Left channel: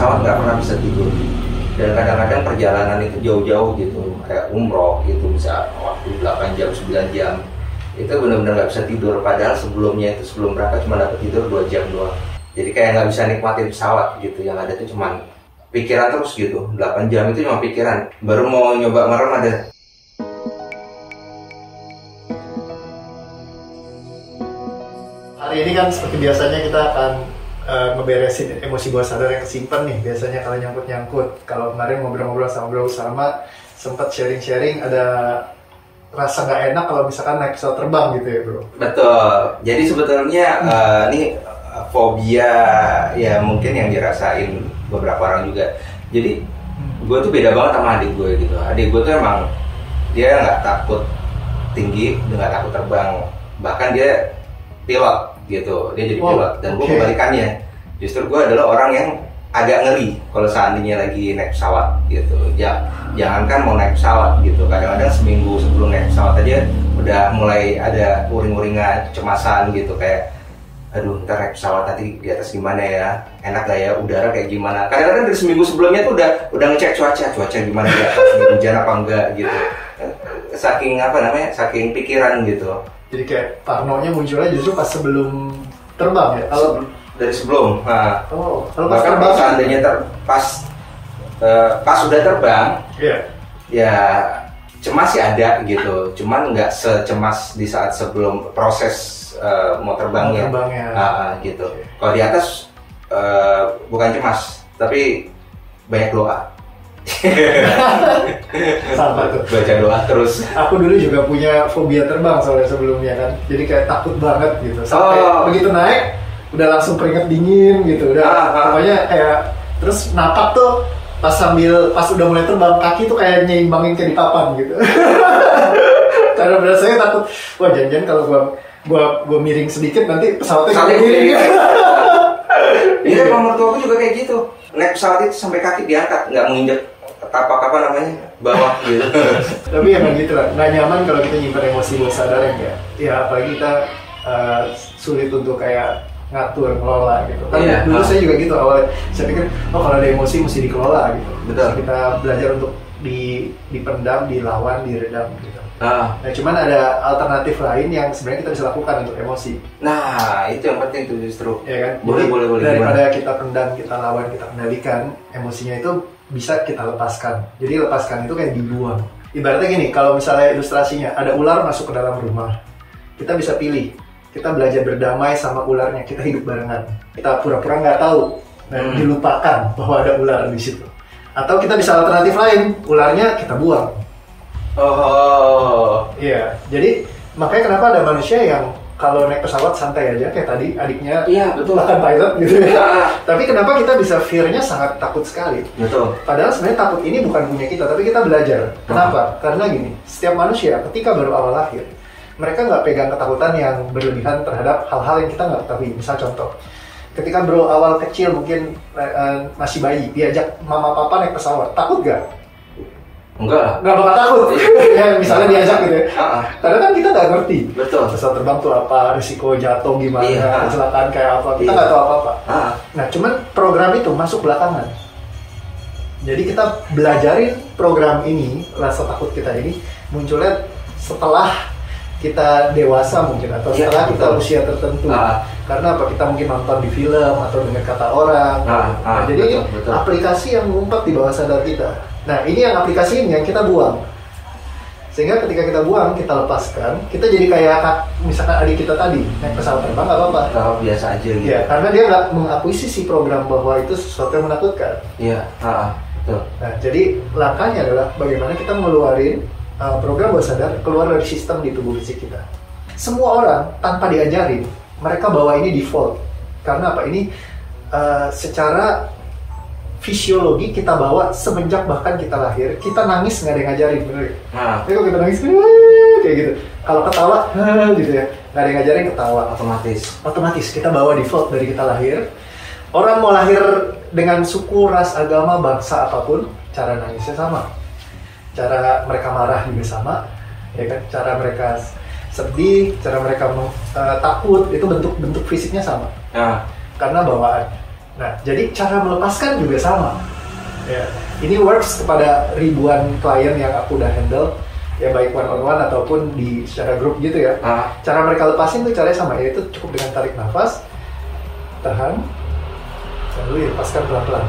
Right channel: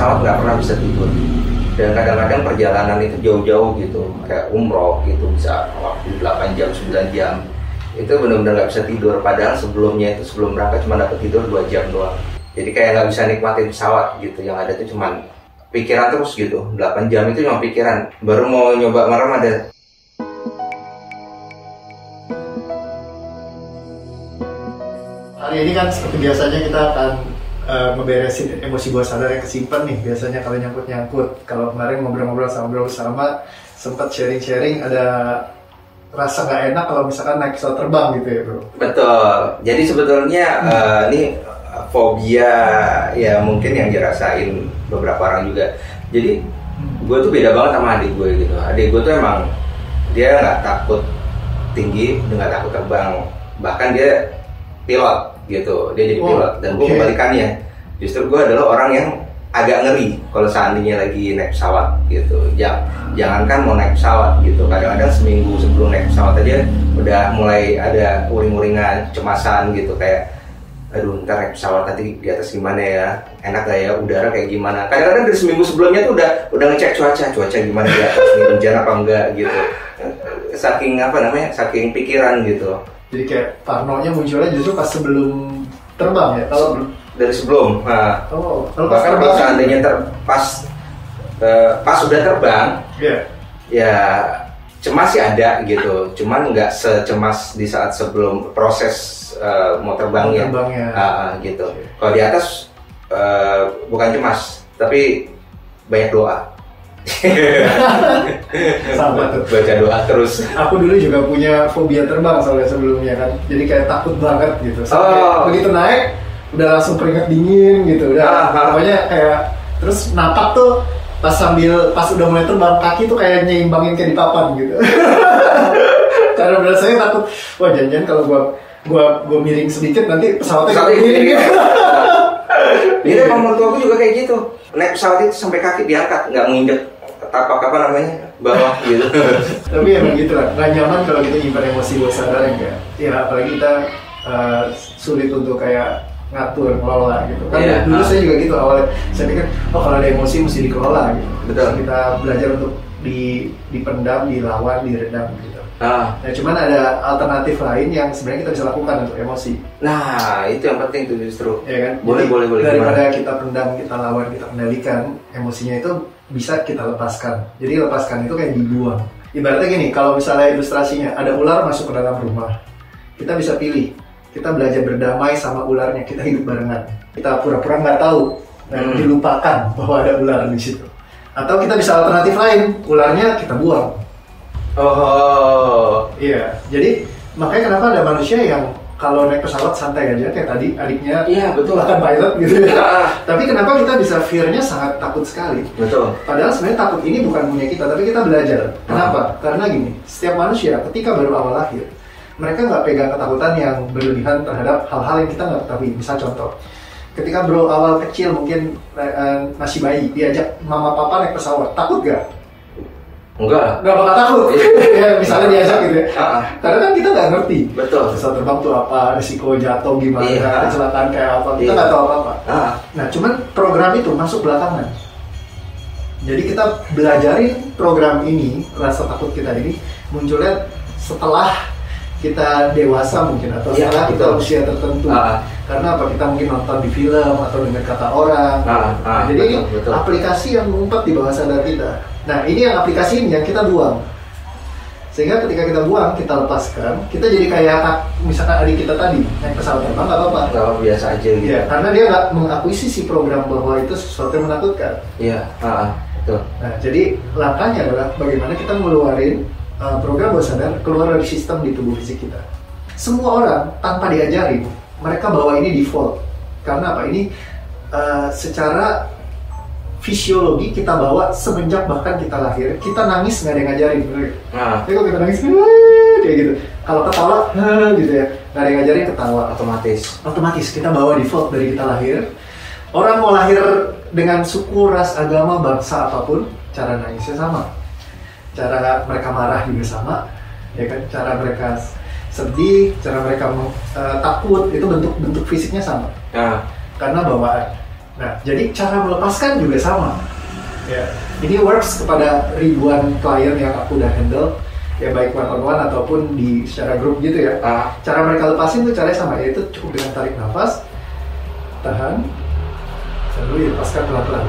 pesawat nggak pernah bisa tidur. Dan kadang-kadang perjalanan itu jauh-jauh gitu, kayak umroh gitu bisa waktu 8 jam, 9 jam. Itu benar-benar nggak bisa tidur, padahal sebelumnya itu sebelum berangkat cuma dapat tidur 2 jam doang. Jadi kayak nggak bisa nikmatin pesawat gitu, yang ada itu cuma pikiran terus gitu. 8 jam itu cuma pikiran, baru mau nyoba merem ada. Hari ini kan seperti biasanya kita akan ngeberesin emosi bawah sadar yang kesimpan nih, biasanya kalau nyangkut. Kalau kemarin ngobrol-ngobrol sama sempat sharing-sharing, ada rasa nggak enak kalau misalkan naik pesawat terbang gitu ya bro. Betul, jadi sebetulnya ini fobia ya mungkin yang dirasain beberapa orang juga. Jadi gue tuh beda banget sama adik gue gitu. Adik gue tuh emang dia nggak takut tinggi, dia nggak takut terbang, bahkan dia pilot gitu, dia jadi pilot. Dan gue kebalikannya, justru gue adalah orang yang agak ngeri kalau seandainya lagi naik pesawat gitu. Jangankan mau naik pesawat gitu, kadang-kadang seminggu sebelum naik pesawat aja udah mulai ada uring-uringan, kecemasan gitu, kayak aduh ntar naik pesawat nanti di atas gimana ya, enak gak ya, udara kayak gimana. Kadang-kadang dari seminggu sebelumnya tuh udah ngecek cuaca gimana di atas, hujan apa enggak gitu. Saking pikiran gitu. Jadi kayak parnonya munculnya justru pas sebelum terbang ya? Kalau dari sebelum, nah, bahkan kalau seandainya pas udah terbang, ya cemas sih ada gitu, cuman nggak secemas di saat sebelum proses mau terbangnya. Gitu. Kalau di atas bukan cemas, tapi banyak doa. Sama tuh, baca doa terus. Aku dulu juga punya fobia terbang soalnya sebelumnya kan, jadi kayak takut banget gitu. Sampai begitu naik udah langsung keringat dingin gitu, udah pokoknya kayak, terus napak tuh pas udah mulai terbang, kaki tuh kayak nyeimbangin kayak di papan gitu. Karena biasanya takut, wah jangan-jangan kalau gua miring sedikit nanti pesawatnya miring. Iya, menurut aku juga kayak gitu. Naik pesawat itu sampai kaki diangkat, nggak menginjak tapak bawah gitu. Tapi emang gitu lah, nggak nyaman kalau kita nyimpan emosi bawah sadar ya apalagi kita sulit untuk kayak ngatur, ngelola gitu kan. Dulu saya juga gitu awalnya, saya pikir kalau ada emosi mesti dikelola gitu. Betul. Kita belajar untuk dipendam, dilawan, diredam gitu. Nah cuman ada alternatif lain yang sebenarnya kita bisa lakukan untuk emosi. Nah itu yang penting tuh justru. Ya kan? Boleh. Daripada kita pendam, kita lawan, kita kendalikan, emosinya itu bisa kita lepaskan. Jadi lepaskan itu kayak dibuang. Ibaratnya gini, kalau misalnya ilustrasinya ada ular masuk ke dalam rumah, kita bisa pilih. Kita belajar berdamai sama ularnya, kita hidup barengan. Kita pura-pura nggak tahu, dilupakan bahwa ada ular di situ. Atau kita bisa alternatif lain, ularnya kita buang. Iya, jadi makanya kenapa ada manusia yang kalau naik pesawat santai aja kayak tadi adiknya, bahkan pilot gitu ya. Tapi kenapa kita bisa fear-nya sangat takut sekali? Betul. Padahal sebenarnya takut ini bukan punya kita, tapi kita belajar. Kenapa? Karena gini, setiap manusia ketika baru awal lahir, mereka nggak pegang ketakutan yang berlebihan terhadap hal-hal yang kita nggak ketahui. Misal contoh, ketika bro awal kecil mungkin masih bayi, diajak mama papa naik pesawat, takut gak? Enggak bakal takut. Ya, misalnya diajak gitu ya. Karena kan kita nggak ngerti. Betul. Pesawat terbang tuh apa, risiko jatuh gimana, kecelakaan kayak apa, kita nggak tahu apa-apa. Nah, cuman program itu masuk belakangan. Jadi kita belajarin program ini, rasa takut kita ini munculnya setelah kita dewasa mungkin, atau setelah kita usia tertentu. Karena apa? Kita mungkin nonton di film atau dengar kata orang. Jadi betul. Aplikasi yang ngumpet di bawah sadar kita. Nah ini yang aplikasi ini yang kita buang. Sehingga ketika kita buang, kita lepaskan, kita jadi kayak misalkan adik kita tadi naik pesawat terbang nggak apa-apa. Nggak, biasa aja gitu. Ya, karena dia nggak mengakuisisi program bahwa itu sesuatu yang menakutkan. Iya, betul. Nah jadi langkahnya adalah bagaimana kita ngeluarin program bawah sadar keluar dari sistem di tubuh fisik kita. Semua orang tanpa diajarin, mereka bawa ini default. Karena apa? Ini secara fisiologi kita bawa semenjak bahkan kita lahir. Kita nangis nggak ada yang ngajarin, bener ya? Jadi kalau kita nangis kayak gitu, kalau ketawa gitu ya, nggak ada yang ngajarin ketawa. Otomatis kita bawa default dari kita lahir. Orang mau lahir dengan suku, ras, agama, bangsa apapun, cara nangisnya sama, cara mereka marah juga sama, ya kan? Cara mereka sedih, cara mereka takut, itu bentuk fisiknya sama. Karena bawaan. Nah, jadi cara melepaskan juga sama. Ya. Ini works kepada ribuan klien yang aku udah handle, ya baik one on one ataupun di secara grup gitu ya. Cara mereka lepasin tuh caranya sama, yaitu cukup dengan tarik nafas, tahan, lalu dilepaskan pelan-pelan.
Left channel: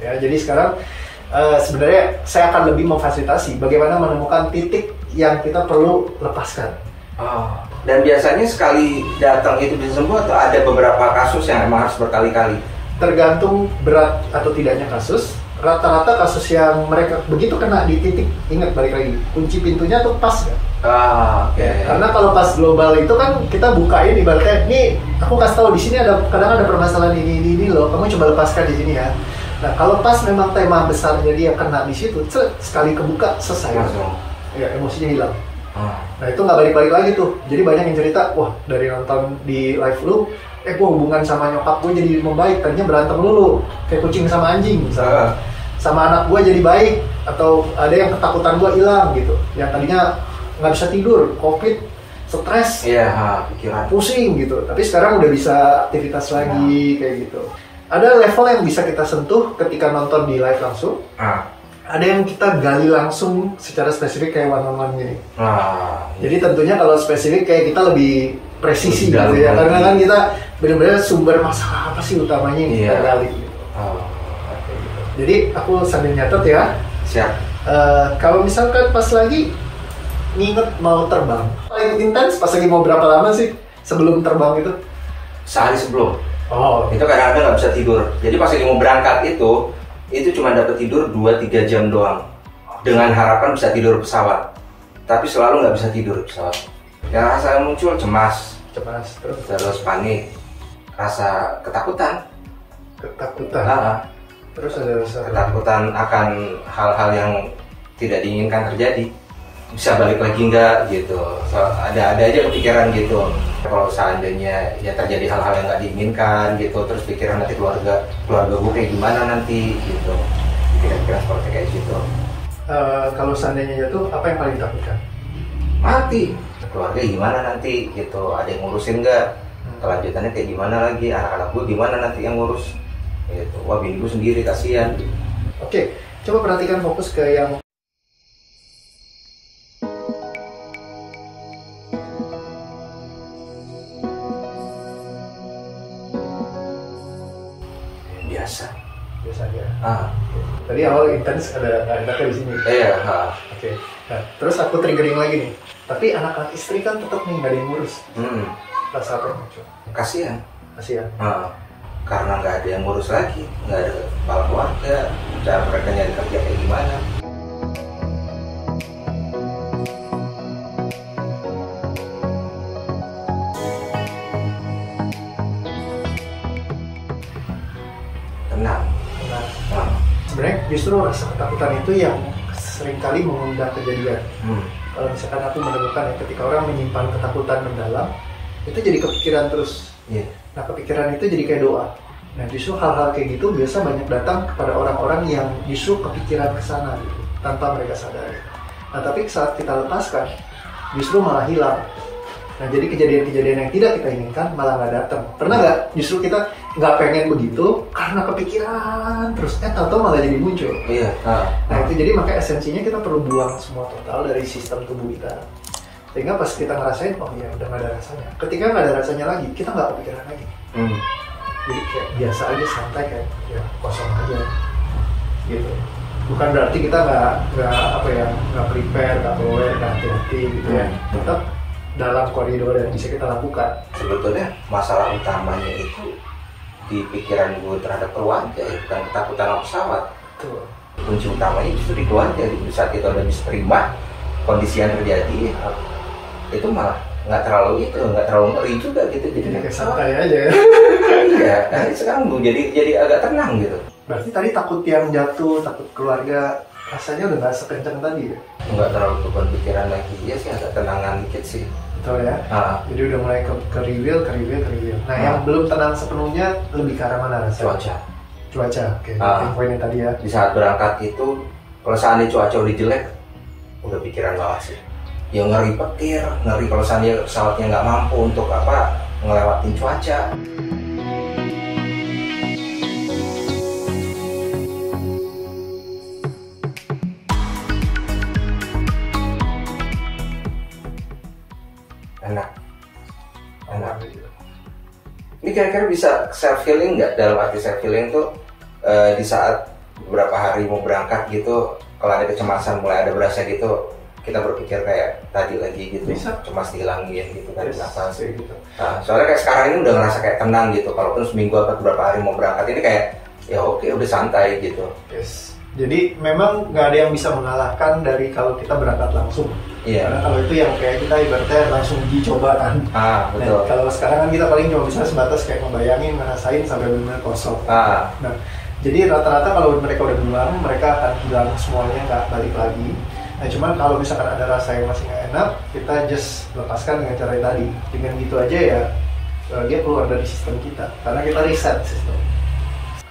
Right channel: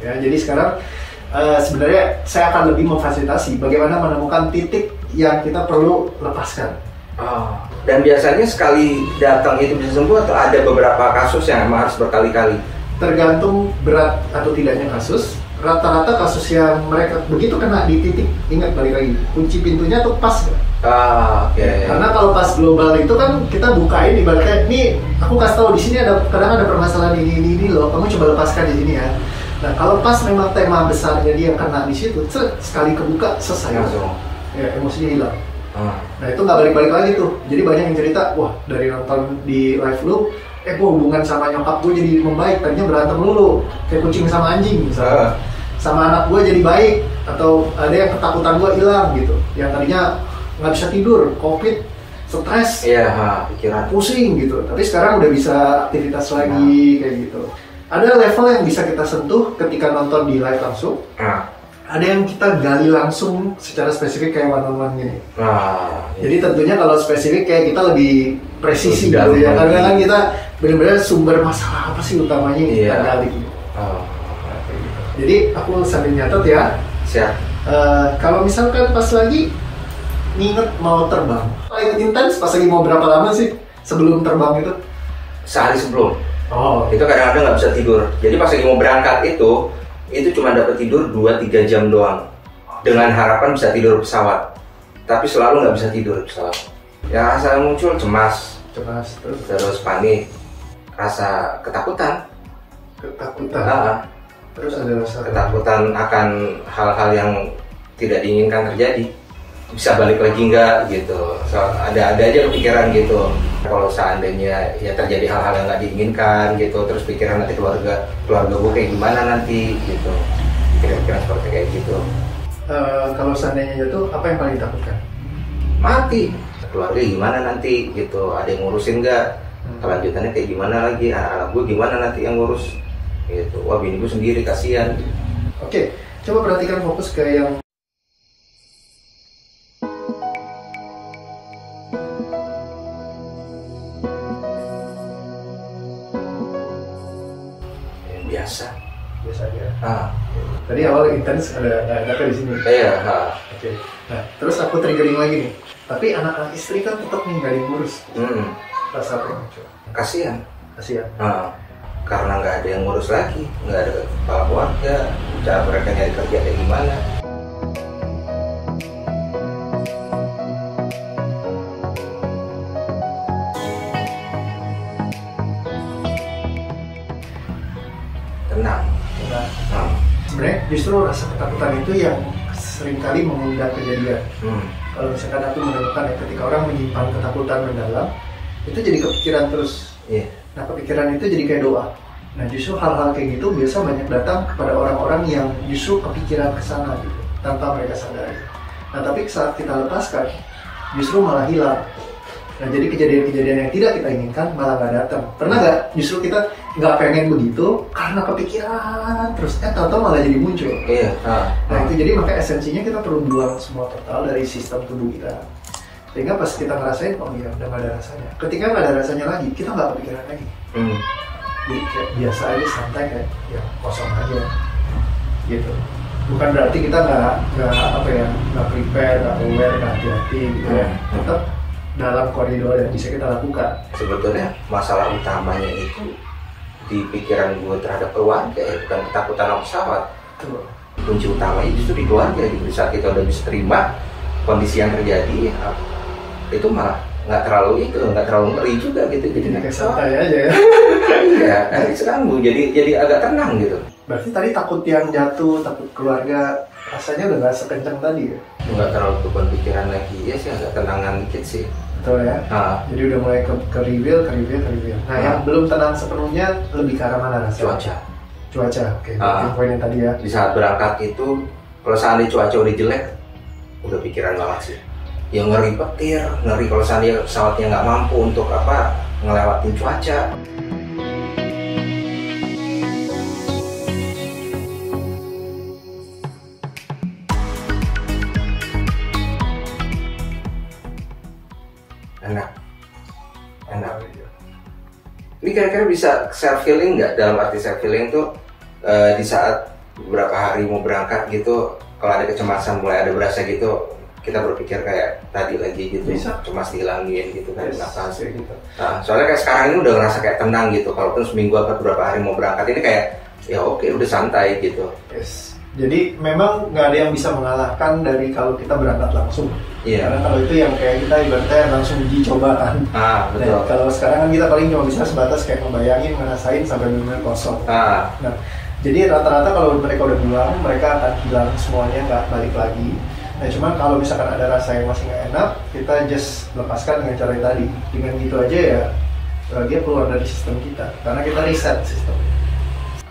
Ya, jadi sekarang sebenarnya saya akan lebih memfasilitasi bagaimana menemukan titik yang kita perlu lepaskan. Dan biasanya sekali datang itu bisa sembuh atau ada beberapa kasus yang emang harus berkali-kali? Tergantung berat atau tidaknya kasus. Rata-rata kasus yang mereka begitu kena di titik, ingat balik lagi, kunci pintunya tuh pas kan? Karena kalau pas global itu kan kita bukain ibaratnya, nih aku kasih tahu di sini ada kadang ada permasalahan ini loh, kamu coba lepaskan di sini ya. Nah kalau pas memang tema besarnya dia kena di situ, sekali kebuka selesai. Langsung. Ya emosinya hilang. Nah itu nggak balik-balik lagi tuh. Jadi banyak yang cerita, wah dari nonton di live lu, gua hubungan sama nyokap gue jadi membaik, tadinya berantem dulu, kayak kucing sama anjing misalnya. Sama anak gue jadi baik, atau ada yang ketakutan gue hilang gitu. Yang tadinya nggak bisa tidur, covid, stres, pikiran, pusing gitu. Tapi sekarang udah bisa aktivitas lagi kayak gitu. Ada level yang bisa kita sentuh ketika nonton di live langsung. Ada yang kita gali langsung secara spesifik kayak one-on-one gini. Jadi tentunya kalau spesifik kayak kita lebih presisi gitu ya. Karena kan kita benar-benar sumber masalah apa sih utamanya yang kita gali gitu. Gitu. Jadi aku sambil nyatet ya. Siap. Kalau misalkan pas lagi nginget mau terbang, paling intens pas lagi mau berapa lama sih sebelum terbang itu? Sehari sebelum. Itu kadang-kadang nggak bisa tidur. Jadi pas lagi mau berangkat itu cuma dapat tidur 2-3 jam doang, dengan harapan bisa tidur pesawat, tapi selalu nggak bisa tidur pesawat. Ya rasa muncul cemas terus panik, rasa ketakutan, terus ada rasa ketakutan akan hal-hal yang tidak diinginkan terjadi, bisa balik lagi nggak gitu. Ada aja kepikiran gitu, kalau seandainya ya terjadi hal-hal yang nggak diinginkan gitu, terus pikiran nanti keluarga gue kayak gimana nanti gitu, pikiran seperti kayak gitu. Kalau seandainya itu apa yang paling ditakutkan? Mati, keluarga gimana nanti gitu, ada yang ngurusin nggak, kelanjutannya kayak gimana lagi, anak-anak gue gimana nanti yang ngurus gitu. Wah bini gue sendiri kasihan. Oke, coba perhatikan fokus ke yang biasa aja. Tadi awal intens ada data di sini. Oke. Nah, terus aku triggering lagi nih. Tapi anak-anak istri kan tetap nih nggak ada yang ngurus. Rasa apa yang kasihan. Karena nggak ada yang ngurus lagi, nggak ada kepala keluarga, cara mereka nyari kerja kayak gimana. Tenang. Sebenarnya justru rasa ketakutan itu yang seringkali mengundang kejadian. Kalau misalkan aku menemukan ya, ketika orang menyimpan ketakutan mendalam, itu jadi kepikiran terus. Nah kepikiran itu jadi kayak doa. Nah justru hal-hal kayak gitu biasa banyak datang kepada orang-orang yang justru kepikiran ke sana gitu, tanpa mereka sadari. Nah tapi saat kita lepaskan, justru malah hilang. Nah jadi kejadian-kejadian yang tidak kita inginkan malah nggak datang. Pernah nggak justru kita nggak pengen begitu karena kepikiran terus, tahu-tahu malah jadi muncul. Nah itu jadi maka esensinya kita perlu buang semua total dari sistem tubuh kita. Sehingga pas kita ngerasain, oh iya udah nggak ada rasanya. Ketika nggak ada rasanya lagi, kita nggak kepikiran lagi. Jadi kayak biasa aja, santai kayak ya kosong aja gitu. Bukan berarti kita nggak prepare, nggak aware, nggak hati-hati gitu ya. Tetap dalam koridor yang bisa kita lakukan. Sebetulnya masalah utamanya itu di pikiran gue terhadap keluarga, bukan ketakutan sama pesawat. Kunci utamanya justru di keluarga. Di saat kita udah bisa terima kondisi yang terjadi, itu malah nggak terlalu ngeri juga gitu. Jadi kayak santai aja ya. Iya, nanti sekarang gue jadi agak tenang gitu. Berarti tadi takut yang jatuh, takut keluarga, rasanya udah nggak sekencang tadi ya? Nggak terlalu beban pikiran lagi, ya sih agak tenangan dikit sih. Betul ya. Jadi udah mulai ke reveal. Nah yang belum tenang sepenuhnya lebih ke arah mana rasanya? Cuaca. Oke. Poinnya tadi ya. Di saat berangkat itu, kalau seandainya cuaca udah jelek, udah pikiran banget sih. Ya ngeri petir, ngeri kalau seandainya pesawatnya nggak mampu untuk ngelewatin cuaca. kira-kira bisa self healing nggak? Dalam arti self healing tuh di saat beberapa hari mau berangkat gitu, kalau ada kecemasan mulai ada berasa gitu, kita berpikir kayak tadi lagi gitu, Bisa. cemas dihilangin gitu kan, kenapa sih gitu. soalnya kayak sekarang ini udah ngerasa kayak tenang gitu, kalaupun seminggu atau beberapa hari mau berangkat ini kayak ya oke, udah santai gitu. Yes. Jadi memang nggak ada yang bisa mengalahkan dari kalau kita berangkat langsung. Iya. Karena kalau itu yang kayak kita ibaratnya langsung uji coba kan. Betul. Nah, kalau sekarang kan kita paling cuma bisa sebatas kayak ngebayangin, ngerasain sampai benar-benar kosong. Nah, jadi rata-rata kalau mereka udah pulang, mereka akan hilang semuanya, nggak balik lagi. Nah, cuman kalau misalkan ada rasa yang masih nggak enak, kita just lepaskan dengan cara yang tadi. Dengan gitu aja ya, dia keluar dari sistem kita. Karena kita reset sistem.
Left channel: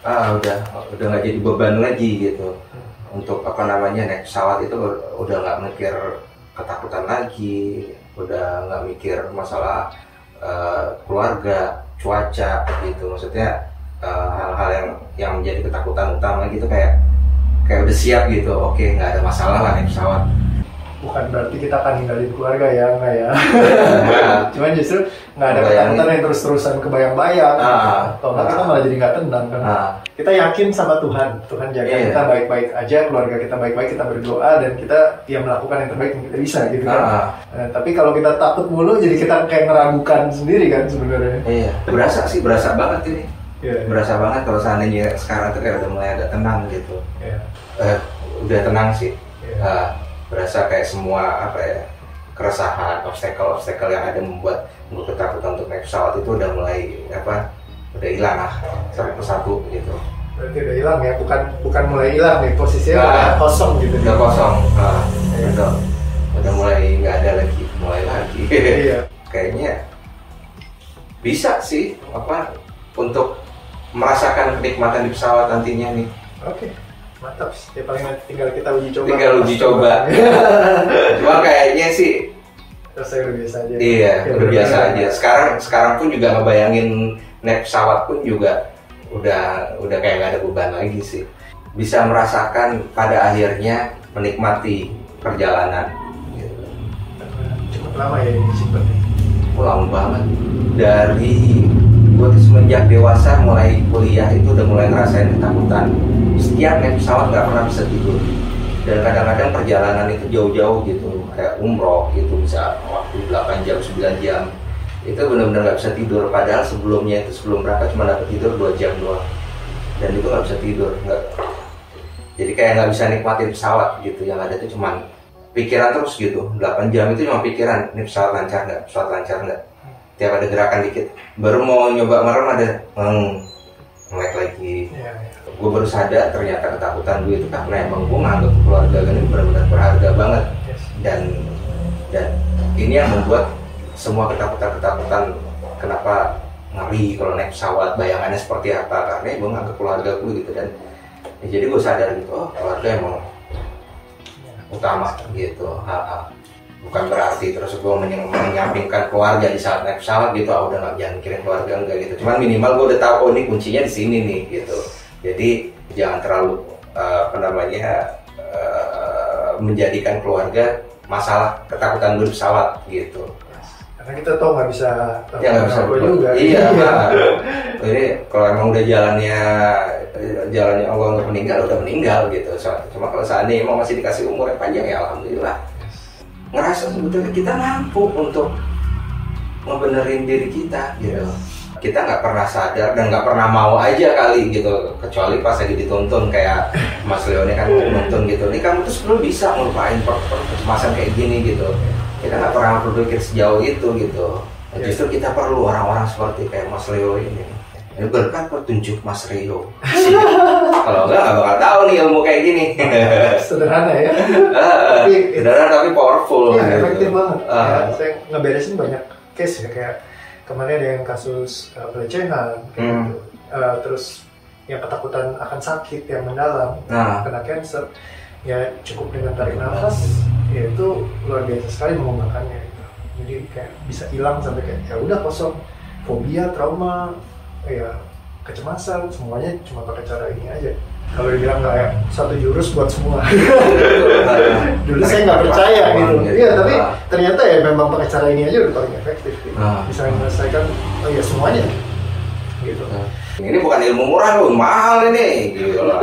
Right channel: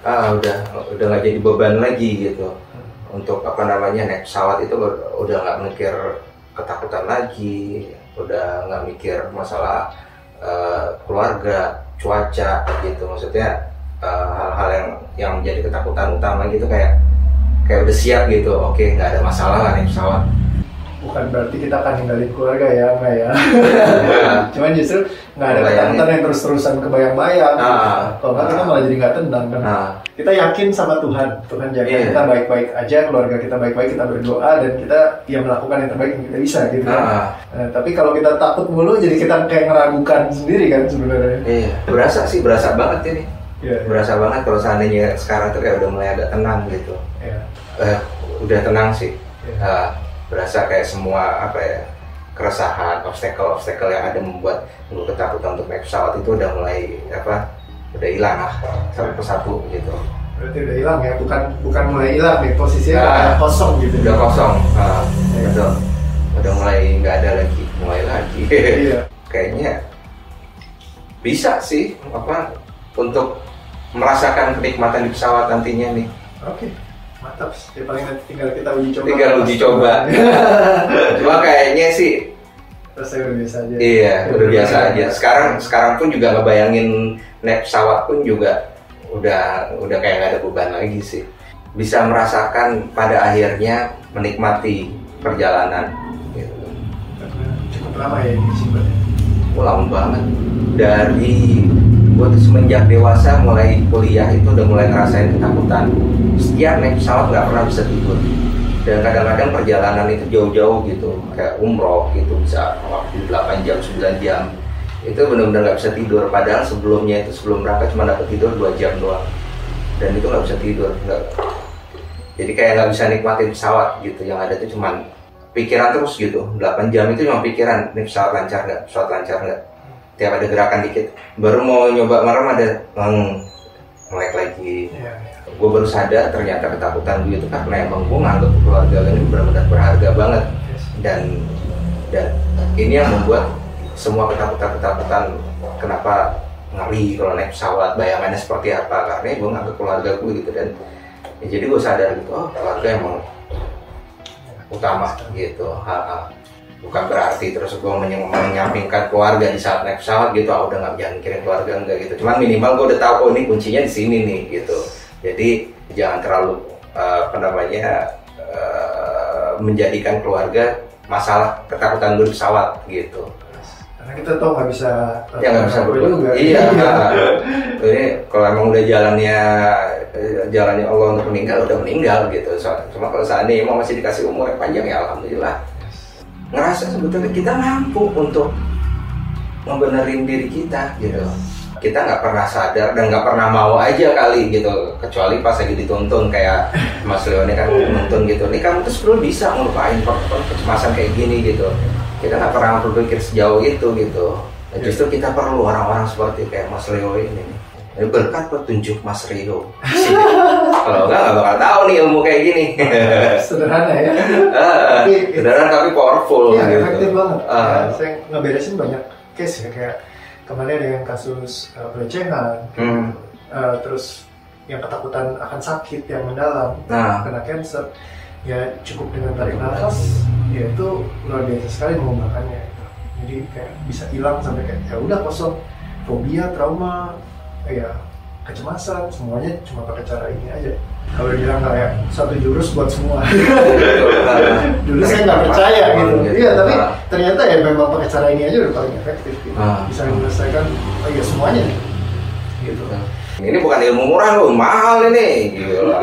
Udah nggak jadi beban lagi gitu. Untuk naik pesawat itu udah nggak mikir ketakutan lagi, udah nggak mikir masalah keluarga, cuaca gitu. Maksudnya hal-hal yang menjadi ketakutan utama gitu, kayak udah siap gitu. Oke, nggak ada masalah lah naik pesawat. Bukan berarti kita akan ninggalin keluarga ya, enggak ya. Cuman justru nggak ada ketakutan yang terus-terusan kebayang-bayang. Kalau nggak kita malah jadi nggak tenang kan. Kita yakin sama Tuhan jaga kita baik-baik aja, keluarga kita baik-baik, kita berdoa dan kita melakukan yang terbaik yang kita bisa gitu. Nah, tapi kalau kita takut mulu, jadi kita kayak ngeragukan sendiri kan sebenarnya. Iya, berasa banget ini. Berasa banget kalau seandainya sekarang tuh kayak udah mulai agak tenang gitu. Udah tenang sih. Berasa kayak semua keresahan, obstacle yang ada membuat gue ketakutan untuk naik pesawat itu udah mulai udah hilang lah satu persatu gitu. Berarti udah hilang ya, bukan mulai hilang ya, posisinya udah kosong gitu. Udah kosong, udah mulai nggak ada lagi, mulai lagi. Kayaknya bisa sih untuk merasakan kenikmatan di pesawat nantinya nih. Oke. Mantap, ya paling nanti tinggal kita uji coba. Cuma kayaknya sih rasanya udah biasa aja. Iya, udah biasa aja. Sekarang pun juga ngebayangin naik pesawat pun juga udah kayak gak ada beban lagi sih. Bisa merasakan pada akhirnya menikmati perjalanan gitu. Cukup lama ya ini sih. Lama banget. Dari gue tuh semenjak dewasa mulai kuliah itu udah mulai ngerasain ketakutan. Setiap naik pesawat nggak pernah bisa tidur, dan kadang-kadang perjalanan itu jauh-jauh gitu, kayak umroh gitu bisa waktu 8 jam 9 jam itu benar-benar nggak bisa tidur. Padahal sebelum berangkat cuma dapat tidur 2 jam doang, dan itu nggak bisa tidur, jadi kayak nggak bisa nikmatin pesawat gitu. Yang ada tuh cuma pikiran terus gitu. 8 jam itu cuma pikiran, ini pesawat lancar nggak, tiap ada gerakan dikit baru mau nyoba merem ada nge-lag lagi. Gue baru sadar ternyata ketakutan gue itu karena emang gue nganggap keluarga ini benar-benar berharga banget. Dan ini yang membuat semua ketakutan kenapa ngeri kalau naik pesawat, bayangannya seperti apa, karena gue nganggap keluarga gue gitu. Dan jadi gue sadar gitu, keluarga emang utama gitu. Bukan berarti terus gue menyampingkan keluarga di saat naik pesawat gitu, udah nggak jangan mikirin keluarga, enggak gitu. Cuman minimal gue udah tahu ini kuncinya di sini nih gitu. Jadi jangan terlalu menjadikan keluarga masalah ketakutan gue di pesawat gitu. Karena kita tahu nggak bisa berubah juga. Iya. Ini kalau emang udah jalannya Allah untuk meninggal, udah meninggal gitu. Cuma kalau seandainya emang masih dikasih umur yang panjang, ya alhamdulillah. Ngerasa sebetulnya kita mampu untuk ngebenerin diri kita gitu. Kita nggak pernah sadar dan nggak pernah mau aja kali gitu, kecuali pas lagi dituntun kayak Mas Leo ini kan nuntun gitu. Nih kamu tuh sebelum bisa ngelupain kecemasan kayak gini gitu. Kita nggak pernah berpikir sejauh itu gitu. Dan justru kita perlu orang-orang seperti kayak Mas Leo ini. Ini berkat petunjuk Mas Leo. Kalau nggak bakal tahu nih ilmu kayak gini. Sederhana ya. Sederhana tapi powerful ya, gitu. Efektif banget. Saya ngeberesin banyak case ya, kayak kemarin ada yang kasus pelecehan, terus yang ketakutan akan sakit yang mendalam, kena cancer, ya cukup dengan tarik nafas, ya itu luar biasa sekali mengubahkannya itu. Jadi kayak bisa hilang sampai kayak ya udah kosong, fobia, trauma, ya kecemasan, semuanya cuma pakai cara ini aja. Kalau dibilang kayak satu jurus buat semua, dulu saya nggak percaya gitu. Iya, tapi ternyata ya memang pakai cara ini aja udah paling efektif. Gitu. Bisa menyelesaikan semuanya. gitu kan. Ini bukan ilmu murah loh, mahal ini gitu lah.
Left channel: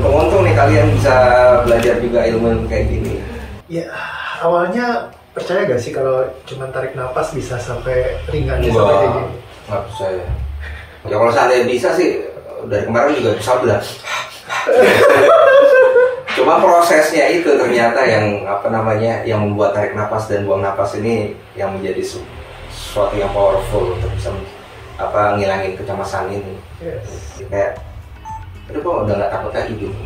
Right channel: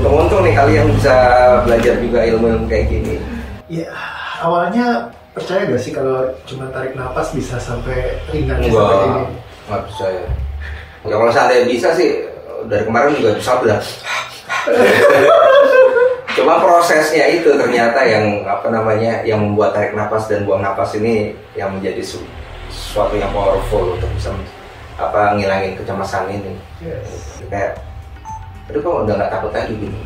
Untung-untung nih kalian bisa belajar juga ilmu kayak gini. Ya awalnya percaya gak sih kalau cuma tarik nafas bisa sampai ringan sampai kayak gini? Nggak percaya. Ya kalau seandainya bisa sih dari kemarin juga pesawat udah. Cuma prosesnya itu ternyata yang apa namanya yang membuat tarik nafas dan buang nafas ini yang menjadi sesuatu yang powerful untuk bisa apa ngilangin kecemasan ini. Yes. Kayak aduh kok udah nggak takut lagi gitu.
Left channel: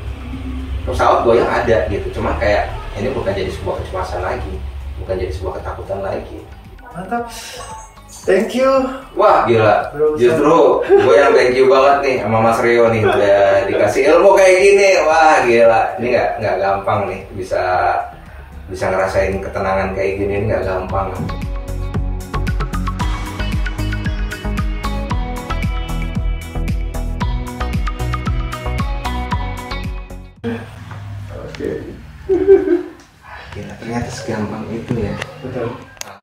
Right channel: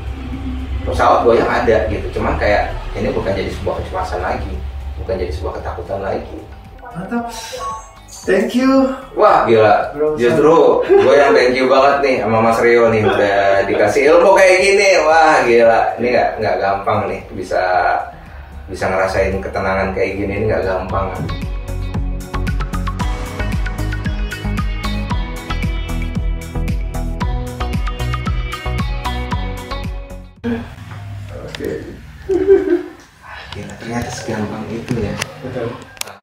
Pesawat goyang ada gitu, cuman kayak ini bukan jadi sebuah kecemasan lagi, bukan jadi sebuah ketakutan lagi. Mantap. Thank you. Wah gila, Bro, justru gue yang thank you banget nih sama Mas Rio nih udah dikasih ilmu kayak gini. Wah gila, ini nggak gampang nih bisa ngerasain ketenangan kayak gini, ini nggak gampang. Oke. Gila, ternyata segampang itu ya. Betul.